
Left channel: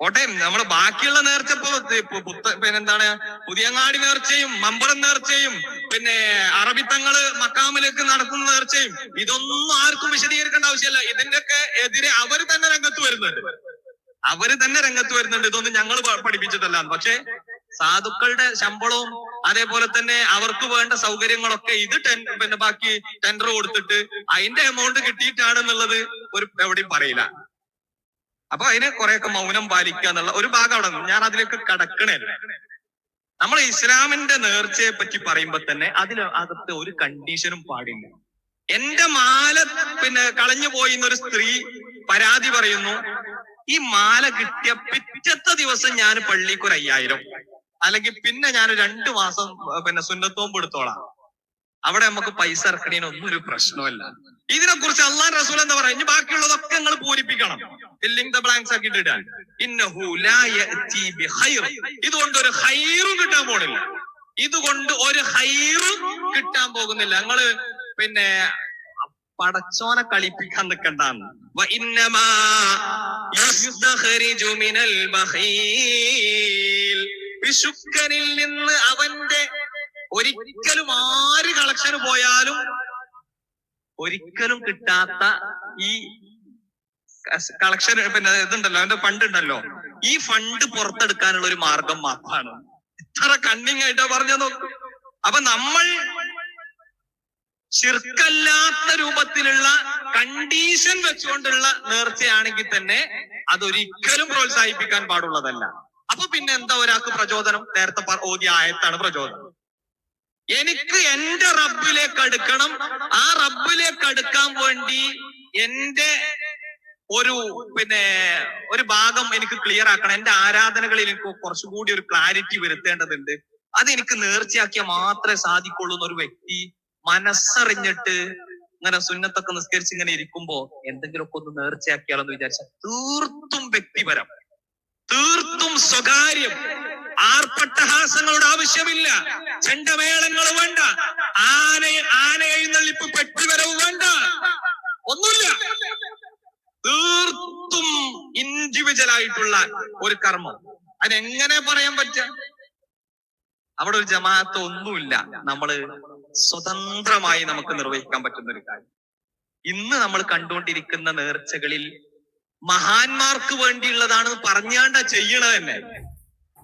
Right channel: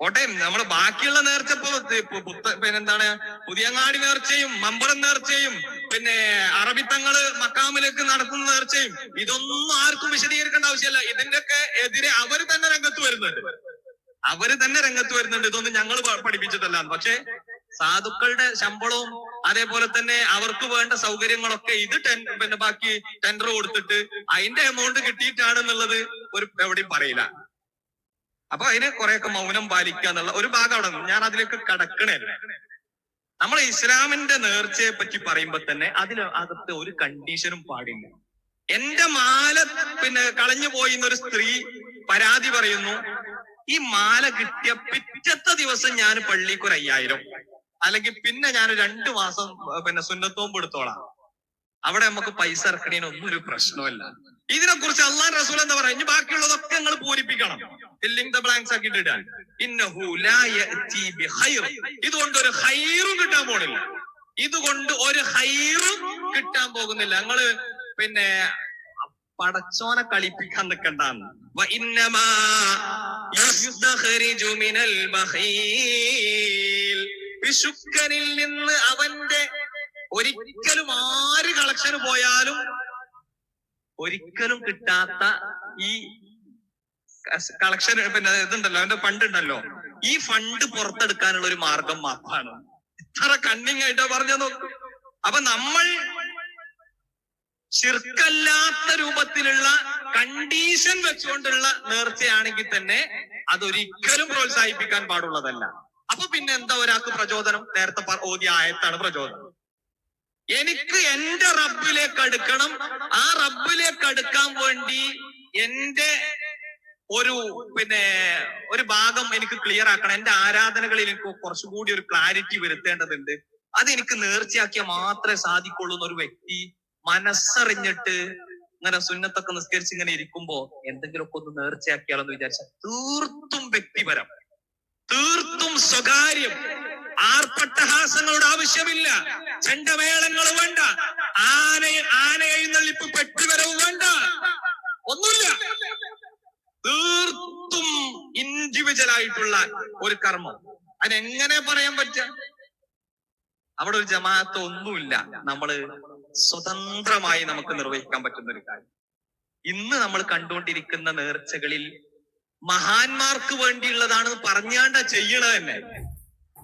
കോട്ടയം നമ്മൾ ബാക്കിയുള്ള നേർച്ച ഇപ്പൊ പിന്നെന്താണ് പുതിയങ്ങാടി നേർച്ചയും മമ്പറം നേർച്ചയും പിന്നെ അറബിത്തങ്ങൾ മക്കാമിലേക്ക് നടത്തുന്ന നേർച്ചയും ഇതൊന്നും ആർക്കും വിശദീകരിക്കേണ്ട ആവശ്യമില്ല. ഇതിന്റെയൊക്കെ എതിരെ അവർ തന്നെ രംഗത്ത് വരുന്നുണ്ട്. അവർ തന്നെ രംഗത്ത് വരുന്നുണ്ട്. ഇതൊന്നും ഞങ്ങൾ പഠിപ്പിച്ചതല്ല പക്ഷെ സാധുക്കളുടെ ശമ്പളവും അതേപോലെ തന്നെ അവർക്ക് വേണ്ട സൗകര്യങ്ങളൊക്കെ ഇത് ടെൻ പിന്നെ ബാക്കി ടെൻഡർ കൊടുത്തിട്ട് അതിന്റെ എമൗണ്ട് കിട്ടിയിട്ടാണെന്നുള്ളത് ഒരു എവിടെയും പറയില്ല. അപ്പൊ അതിന് കുറെയൊക്കെ മൗനം പാലിക്കുക എന്നുള്ള ഒരു ഭാഗം അവിടെ ഞാൻ അതിലേക്ക് കടക്കണല്ല. നമ്മൾ ഇസ്ലാമിന്റെ നേർച്ചയെ പറ്റി പറയുമ്പോ തന്നെ അതിൽ അകത്ത് ഒരു കണ്ടീഷനും പാടില്ല. എന്റെ മാല പിന്നെ കളഞ്ഞു പോയി എന്നൊരു സ്ത്രീ പരാതി പറയുന്നു ഈ മാല കിട്ടിയ പിറ്റത്തെ ദിവസം ഞാൻ പള്ളിക്ക് ഒരു അയ്യായിരം. അല്ലെങ്കിൽ പിന്നെ ഞാൻ രണ്ടു മാസം പിന്നെ സുന്നത്തോമ്പ് എടുത്തോളാം. അവിടെ നമുക്ക് പൈസ ഇറക്കണേനൊന്നും ഒരു പ്രശ്നമല്ല ഇതിനെ കുറിച്ച് അള്ളാൻ റസൂൽ എന്താ പറയാ ഇനി ബാക്കിയുള്ളതൊക്കെ നിങ്ങൾ പൂരിപ്പിക്കണം. ഫില്ലിംഗ് ദ ബ്ലാങ്ക്സ് ആക്കി ഇടാൻ ഇതുകൊണ്ട് ഒരു ഹൈറും കിട്ടാൻ പോണില്ല. ഇതുകൊണ്ട് ഒരു ഹൈറും കിട്ടാൻ പോകുന്നില്ല. ഞങ്ങൾ പിന്നെ പടച്ചോനെ കളിപ്പിക്കാൻ നിൽക്കണ്ടെന്ന് വിശുക്കനിൽ നിന്ന് അവന്റെ ഒരിക്കലും ആര് കളക്ഷന് പോയാലും ഒരിക്കലും കിട്ടാത്ത ഈ കളക്ഷൻ പിന്നെ ഇതുണ്ടല്ലോ അവന്റെ ഫണ്ട് ഉണ്ടല്ലോ. ഈ ഫണ്ട് പുറത്തെടുക്കാനുള്ള ഒരു മാർഗം മാത്രമാണ്. ഇത്ര കണ്ണിങ് ആയിട്ടാ പറഞ്ഞു നോക്കും. അപ്പൊ നമ്മൾ ശിർക്കല്ലാത്ത രൂപത്തിലുള്ള കണ്ടീഷൻ വെച്ചുകൊണ്ടുള്ള നേർച്ചയാണെങ്കിൽ തന്നെ അതൊരിക്കലും പ്രോത്സാഹിപ്പിക്കാൻ പാടുള്ളതല്ല. അപ്പൊ പിന്നെ എന്താ ഒരാൾക്ക് പ്രചോദനം? നേരത്തെ ഓതി ആയത്താണ് പ്രചോദനം. എനിക്ക് എന്റെ റബ്ബിലേക്ക് അടുക്കണം. ആ റബ്ബിലേക്ക് അടുക്കാൻ വേണ്ടി എന്റെ ഒരു പിന്നെ ഒരു ഭാഗം എനിക്ക് ക്ലിയർ ആക്കണം. എന്റെ ആരാധനകളിൽ എനിക്ക് കുറച്ചുകൂടി ഒരു ക്ലാരിറ്റി വരുത്തേണ്ടതുണ്ട്. അത് എനിക്ക് നേർച്ചയാക്കിയാൽ മാത്രമേ സാധിക്കുള്ളൂ എന്നൊരു വ്യക്തി മനസ്സറിഞ്ഞിട്ട് ഇങ്ങനെ സുന്നത്തൊക്കെ നിസ്കരിച്ച് ഇങ്ങനെ ഇരിക്കുമ്പോ എന്തെങ്കിലുമൊക്കെ ഒന്ന് നേർച്ചയാക്കിയാലോ എന്ന് വിചാരിച്ച തീർത്തും വ്യക്തിപരം. തീർത്തും സ്വകാര്യം. ആർപ്പട്ടഹാസങ്ങളുടെ ആവശ്യമില്ല. ചെണ്ടമേളങ്ങൾ വേണ്ട. ആന ആന എഴുന്നള്ളിപ്പ് പെട്ടിവരവ് വേണ്ട. ഒന്നുമില്ല. തീർത്തും ഇൻഡിവിജ്വൽ ആയിട്ടുള്ള ഒരു കർമ്മം. അതിനെങ്ങനെ പറയാൻ പറ്റുക? അവിടെ ഒരു ജമാഅത്ത് ഒന്നുമില്ല. നമ്മൾ സ്വതന്ത്രമായി നമുക്ക് നിർവഹിക്കാൻ പറ്റുന്ന ഒരു കാര്യം. ഇന്ന് നമ്മൾ കണ്ടുകൊണ്ടിരിക്കുന്ന നേർച്ചകളിൽ മഹാന്മാർക്ക് വേണ്ടിയുള്ളതാണ് പറഞ്ഞാണ്ട ചെയ്യണത് തന്നെ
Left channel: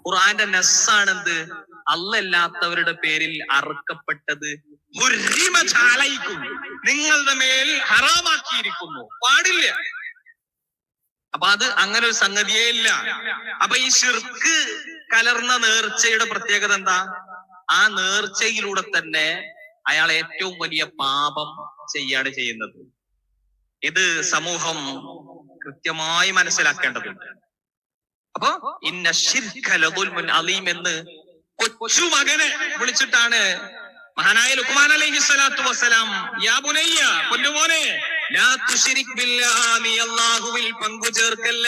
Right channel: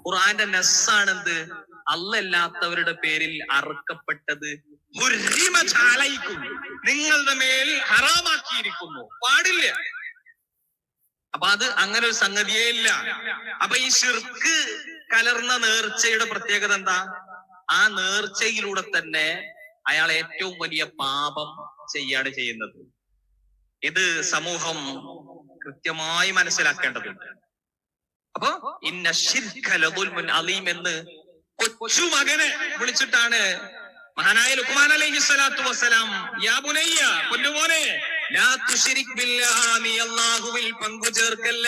ഖുറാന്റെ നെസ്സാണെന്ത്? അല്ലല്ലാത്തവരുടെ പേരിൽ അറുക്കപ്പെട്ടത് നിങ്ങളുടെ മേൽ ഹറാമാക്കിയിരിക്കുന്നു. പാടില്ല. അപ്പൊ അത് അങ്ങനെ ഒരു സംഗതിയേ ഇല്ല. അപ്പൊ ഈ ഷിർക്ക് കലർന്ന നേർച്ചയുടെ പ്രത്യേകത എന്താ? ആ നേർച്ചയിലൂടെ തന്നെ അയാൾ ഏറ്റവും വലിയ പാപം ചെയ്യാണ് ചെയ്യുന്നത്. ഇത് സമൂഹം കൃത്യമായി മനസ്സിലാക്കേണ്ടതുണ്ട്. അപ്പൊ ഇന്ന അലീം എന്ന് കൊച്ചു മകനെ വിളിച്ചിട്ടാണ് മഹാനായ ലുക്മാൻ അലൈഹി സ്വലാത്തു വസ്സലാം യാ ബുനയ്യ പൊന്നുമോനെ ലാ തുശ്രിക് ബില്ലാഹി നീ അല്ലാഹുവിൽ പങ്കു ചേർക്കല്ല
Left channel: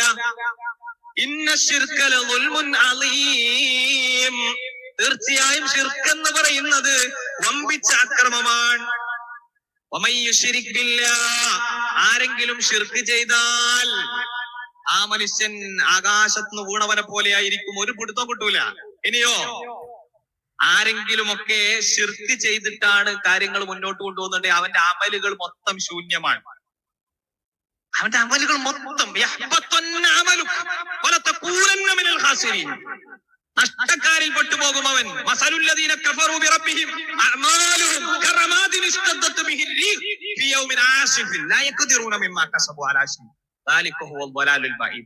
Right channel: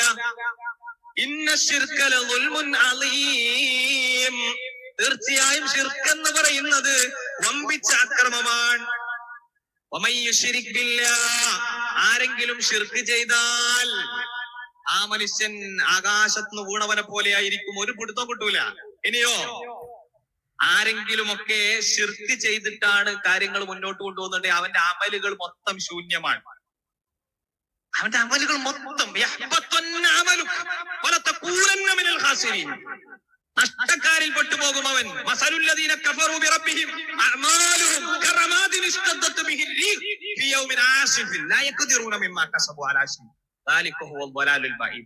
ഇന്ന ശിർക ലദുൽമുൻ അലീം തീർച്ചയായും ഷിർക്ക് എന്ന് പറയുന്നത് വമ്പിച്ച അക്രമമാണ്. ആരെങ്കിലും ഷിർക്ക് ചെയ്താൽ ആ മനുഷ്യൻ ആകാശത്തുനിന്ന് വീണവനെ പോലെ ആയിരിക്കും. ഒരു പിടുത്തം കിട്ടൂല. ഇനിയോ? ആരെങ്കിലുമൊക്കെ ശിർക്ക് ചെയ്തിട്ടാണ് കാര്യങ്ങൾ മുന്നോട്ട് കൊണ്ടുപോകുന്നുണ്ട് അവന്റെ അമലുകൾ മൊത്തം ശൂന്യമാണ്. അവന്റെ അമലുകൾ മൊത്തം. നഷ്ടക്കാരിൽ പെട്ടുപോകും അവൻ.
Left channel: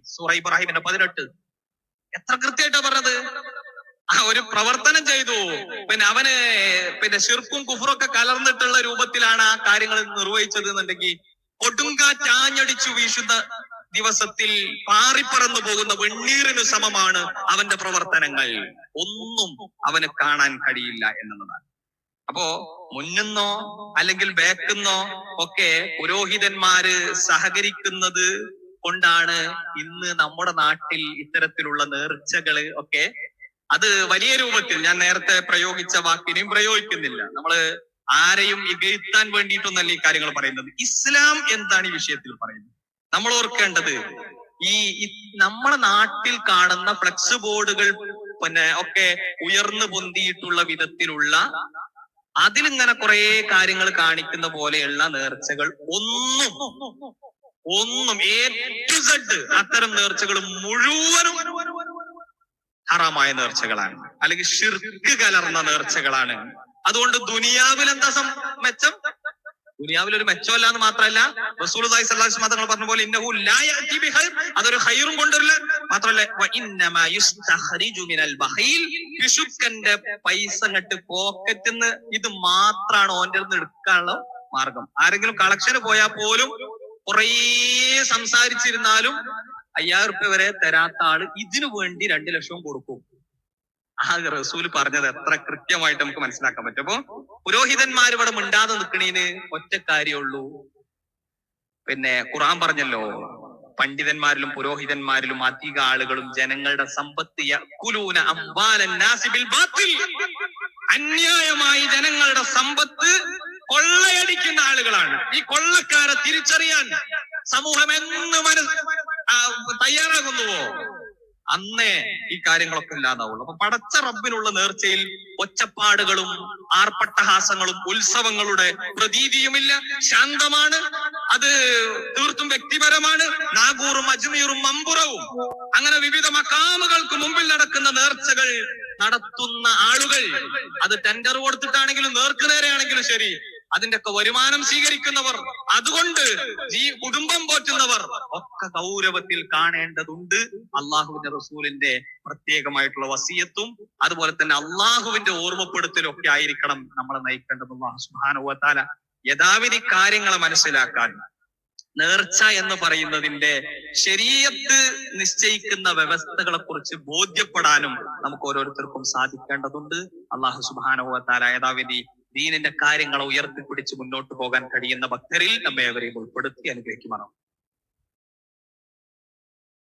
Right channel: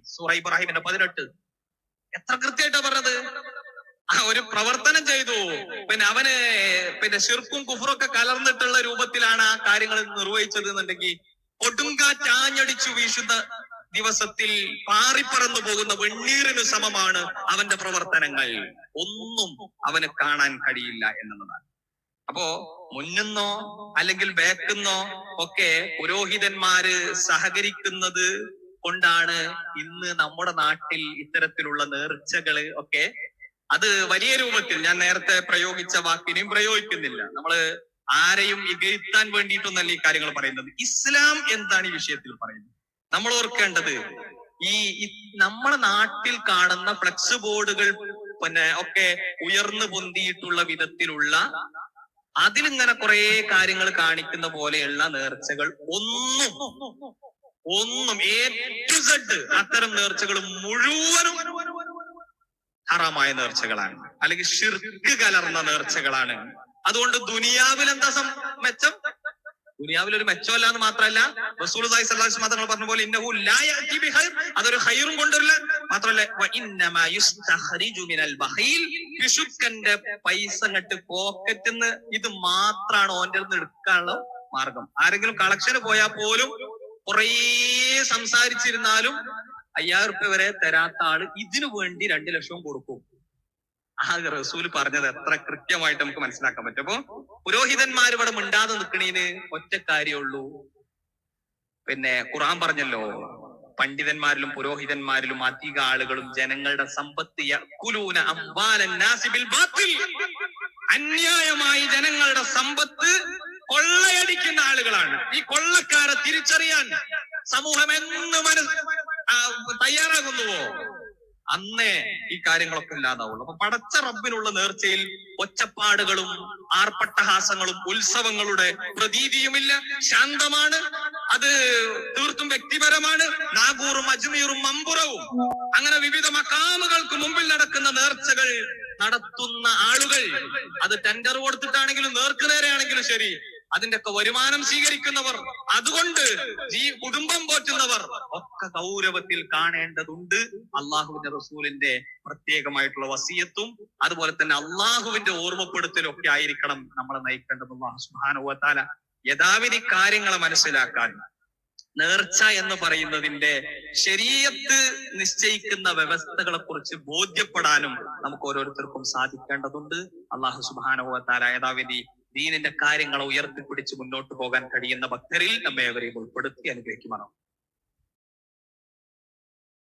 സൂറ ഇബ്രാഹിമിന്റെ പതിനെട്ട്. എത്ര കൃത്യമായിട്ടാ പറഞ്ഞത്? ആ ഒരു പ്രവർത്തനം ചെയ്തു. പിന്നെ അവന് പിന്നെ ഷിർക്കും കുഫറൊക്കെ കലർന്നിട്ടുള്ള രൂപത്തിലാണ് ആ കാര്യങ്ങൾ നിർവഹിച്ചത് എന്നുണ്ടെങ്കിൽ ഒടുങ്കാറ്റാഞ്ഞടിച്ചു വീശുന്ന ദിവസത്തിൽ പാറിപ്പറന്നു പോകുന്ന വെണ്ണീറിന് സമമാണ് അവന്റെ പ്രവർത്തനങ്ങൾ. ഒന്നും അവന് കാണാൻ കഴിയില്ല എന്നുള്ളതാണ്. അപ്പോ മുന്നോ അല്ലെങ്കിൽ ബേക്കുന്നോ ഒക്കെ പുരോഹിതന്മാര് സഹകരിക്കുന്നത് കൊണ്ടാണ് ഇന്ന് നമ്മുടെ നാട്ടിൽ ഇത്തരത്തിലുള്ള നേർച്ചകൾ ഒക്കെ അത് വലിയ രൂപത്തിൽ ഞാൻ നേരത്തെ പ്രയോഗിച്ച വാക്കിനെയും പ്രയോഗിക്കുന്നില്ല. നമ്മൾ ആരെയും ഇകഴ്ത്താൻ വേണ്ടിയിട്ടൊന്നല്ല ഈ കാര്യങ്ങൾ പറയുന്നത്. ഇസ്ലാം എന്താണ് ഈ വിഷയത്തിൽ പറയുന്നത്? നമ്മൾ ഓർക്കേണ്ടത് ഈ ഈ നമ്മുടെ നാട്ടിൽ കാണുന്ന ഫ്ലക്സ് ബോർഡുകൾ പിന്നെ ഒക്കെ ഉയർന്നു പൊന്തിയിട്ടുള്ള വിധത്തിലുള്ള അതിലിങ്ങനെ കുറെ കാര്യങ്ങൾ കാണിക്കുന്ന പോലെയുള്ള നേർച്ചകൾ ഒന്നും ഒന്നും എ ടു സെഡ് അത്തരം നേർച്ചകൾ മുഴുവനും ഹറാമായ നേർച്ചകളാണ്. അല്ലെങ്കിൽ ഷിർക്ക് കലർന്ന നേർച്ചകളാണ്. അതുകൊണ്ട് ദുനിയാവിൽ എന്താ മെച്ചം? ദുനിയാവിൽ ഒരു മെച്ചമല്ല എന്ന് മാത്രമല്ല റസൂൽ തങ്ങൾ പറഞ്ഞ പോലെ ഇന്നഹു അതൊരു ഹൈറും കൊണ്ടുവരില്ല മാത്രമല്ല പിശുക്കന്റെ പൈസ അങ്ങട്ട് പോക്കറ്റിന്ന് ഇത് മാത്രമാണ് ഓന്റെ നിന്ന് എടുക്കാനുള്ള മാർഗം. ആരെങ്കിലും കളക്ഷന് പോയാൽ പോലും കുറേ സംസാരിച്ചിരുന്നാലും അയ്യായിരം റുപ്യ വരെ തരാത്ത ആൾ ഇതിനു വേണ്ടി രണ്ടു ലക്ഷവും കൊടുക്കും. ആ റസൂൽ പറഞ്ഞത് എത്ര കൃത്യമായിട്ട് നമുക്ക് മനസ്സിലാക്കാൻ പറ്റും. അപ്പൊ പുരോഹിതന്മാർ ഇവിടെ മിണ്ടാതെ നിൽക്കണേന് ഒറ്റ കാര്യമുള്ളൂ. പിന്നെ ഖുറാൻ പറഞ്ഞല്ലോ പണ്ഡിതന്മാരിലും പുരോഹിതന്മാരിലും അധിക ആളുകളും ജനങ്ങളുടെ സമ്പത്ത്. അന്യായമായി ജനങ്ങളുടെ സമ്പത്ത് കൊള്ളയടിക്കുന്ന ആളുകളാണ്. ഈ കൊള്ളക്കാരെ തിരിച്ചറിയാൻ സമൂഹം എന്ന് മനസ് തയ്യാറാകുന്നുവോ? അന്നേ ഈ കാര്യങ്ങളൊക്കെ ഇല്ലാതാവുള്ളൂ. അപ്പൊ പടച്ച റബ്ബിനുള്ള നേർച്ചയിൽ ഒച്ചപ്പാടുകളും ആർപ്പട്ടഹാസങ്ങളും ഉത്സവങ്ങളുടെ പ്രതീതിയുമില്ല. ശാന്തമാണ്. അത് തീർത്തും വ്യക്തിപരമാണ്. നാഗൂറും അജ്മീറും മമ്പുറവും. അങ്ങനെ വിവിധ മക്കാമുകൾക്ക് മുമ്പിൽ നടക്കുന്ന നേർച്ചകൾ നടത്തുന്ന ആളുകൾ അത് ടെൻഡർ കൊടുത്തിട്ടാണെങ്കിലും നേർക്കുനേരെയാണെങ്കിലും ശരി. അതിന്റെ ഒക്കെ വരുമാനം സ്വീകരിക്കുന്നവർ അതുകൊണ്ട് ഈ കുടുംബം പോറ്റുന്നവർ ഒക്കെ ഗൗരവത്തിൽ കാണേണ്ടതുണ്ട്. അള്ളാഹുവിന്റെ റസൂലിന്റെ പ്രത്യേകമായിട്ടുള്ള വസീയത്തും അതുപോലെ തന്നെ അള്ളാഹുവിന്റെ ഓർമ്മപ്പെടുത്തലും ഒക്കെ ആയിരിക്കണം നമ്മളെ നയിക്കേണ്ടത് അള്ളാഹു യഥാവിധി കാര്യങ്ങളെ മനസ്സിലാക്കാൻ നേർച്ച എന്ന് പറയുന്നതിന്റെ ശരീരത്ത് നിശ്ചയിക്കുന്ന വ്യവസ്ഥകളെ കുറിച്ച് ബോധ്യപ്പെടാനും നമുക്ക് ഓരോരുത്തർക്കും സാധിക്കേണ്ടതുണ്ട്. അള്ളാഹു സുബാനുവത്താല യഥാവിധി ദീനിന്റെ കാര്യങ്ങളെ ഉയർത്തിപ്പിടിച്ച് മുന്നോട്ട് പോകാൻ കഴിയുന്ന ഭക്തരിൽ നമ്മെ അവരെയും ഉൾപ്പെടുത്തി അനുഗ്രഹിക്കുമാറാം